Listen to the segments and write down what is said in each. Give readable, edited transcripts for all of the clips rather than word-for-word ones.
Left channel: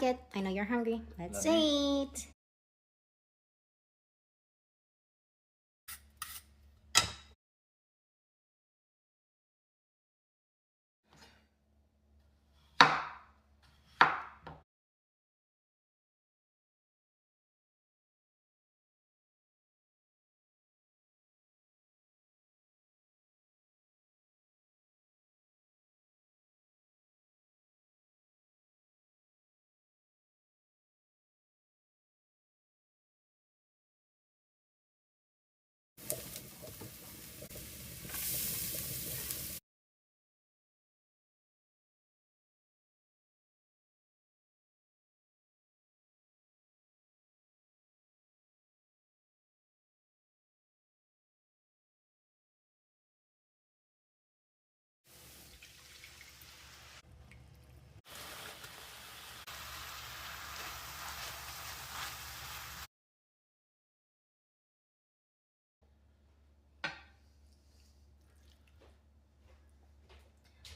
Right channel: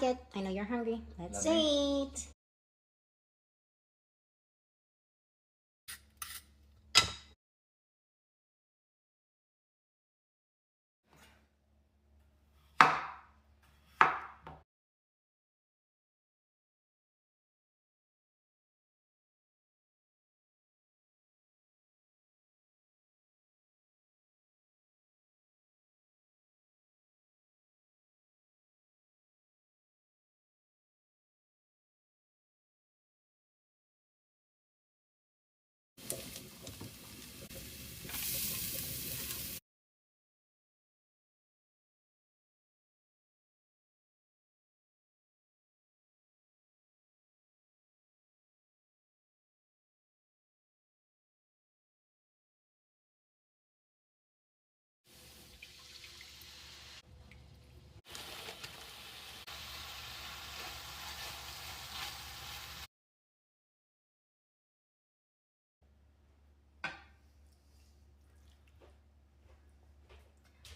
like it. I know you're hungry. Let's Love eat.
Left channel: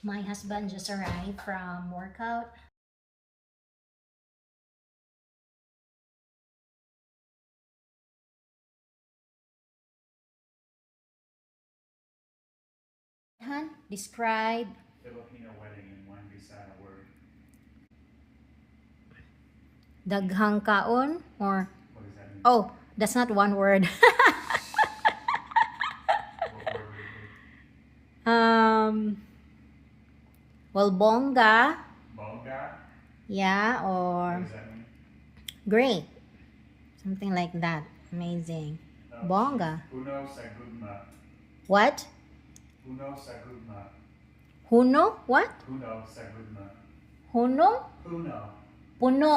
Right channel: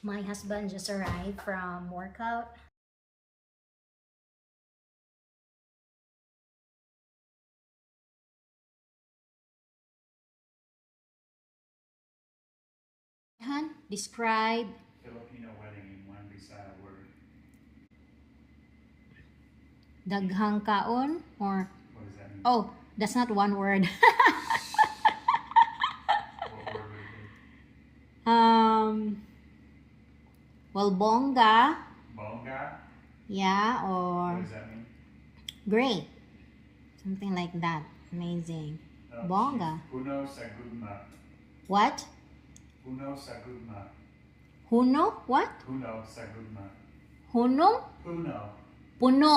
My husband just arrived from workout. Han, describe Filipino wedding in one Bisaya word. daghang kaon or What does that mean? oh, that's not one word. What word would it be? Well, bongga, Bonga? yeah, What or does that mean? great, something like that. Amazing. No, Bongga. Puno sa gugma. What? Puno sa gugma. Huno? What? Puno sa gugma. Huno? Puno. Puno.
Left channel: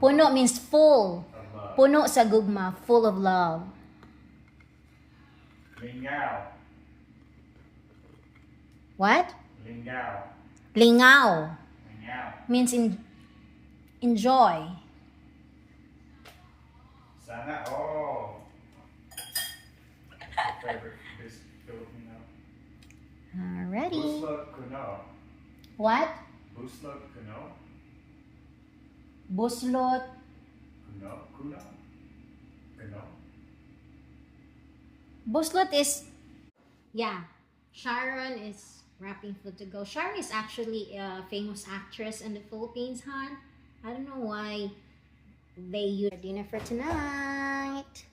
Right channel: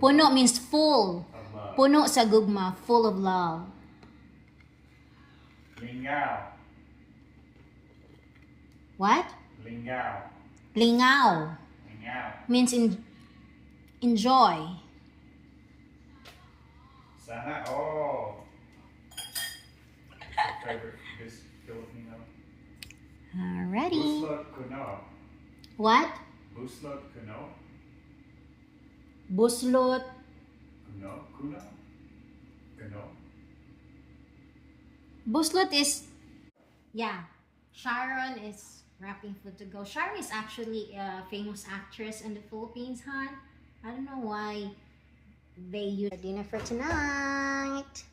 Puno means full. Of love. Puno sa gugma, full of love. Lingao. What? Lingao. Lingaw Lingao. means enjoy. Sana all. Favorite Filipino. Alrighty. Buslot kuno. What? Buslot kuno. Buslot. Kuno. Kuno. Kuno. Buslot is, yeah, Sharon is wrapping food to go. Sharon is actually a famous actress in the Philippines, hon. I don't know why they use dinner for tonight.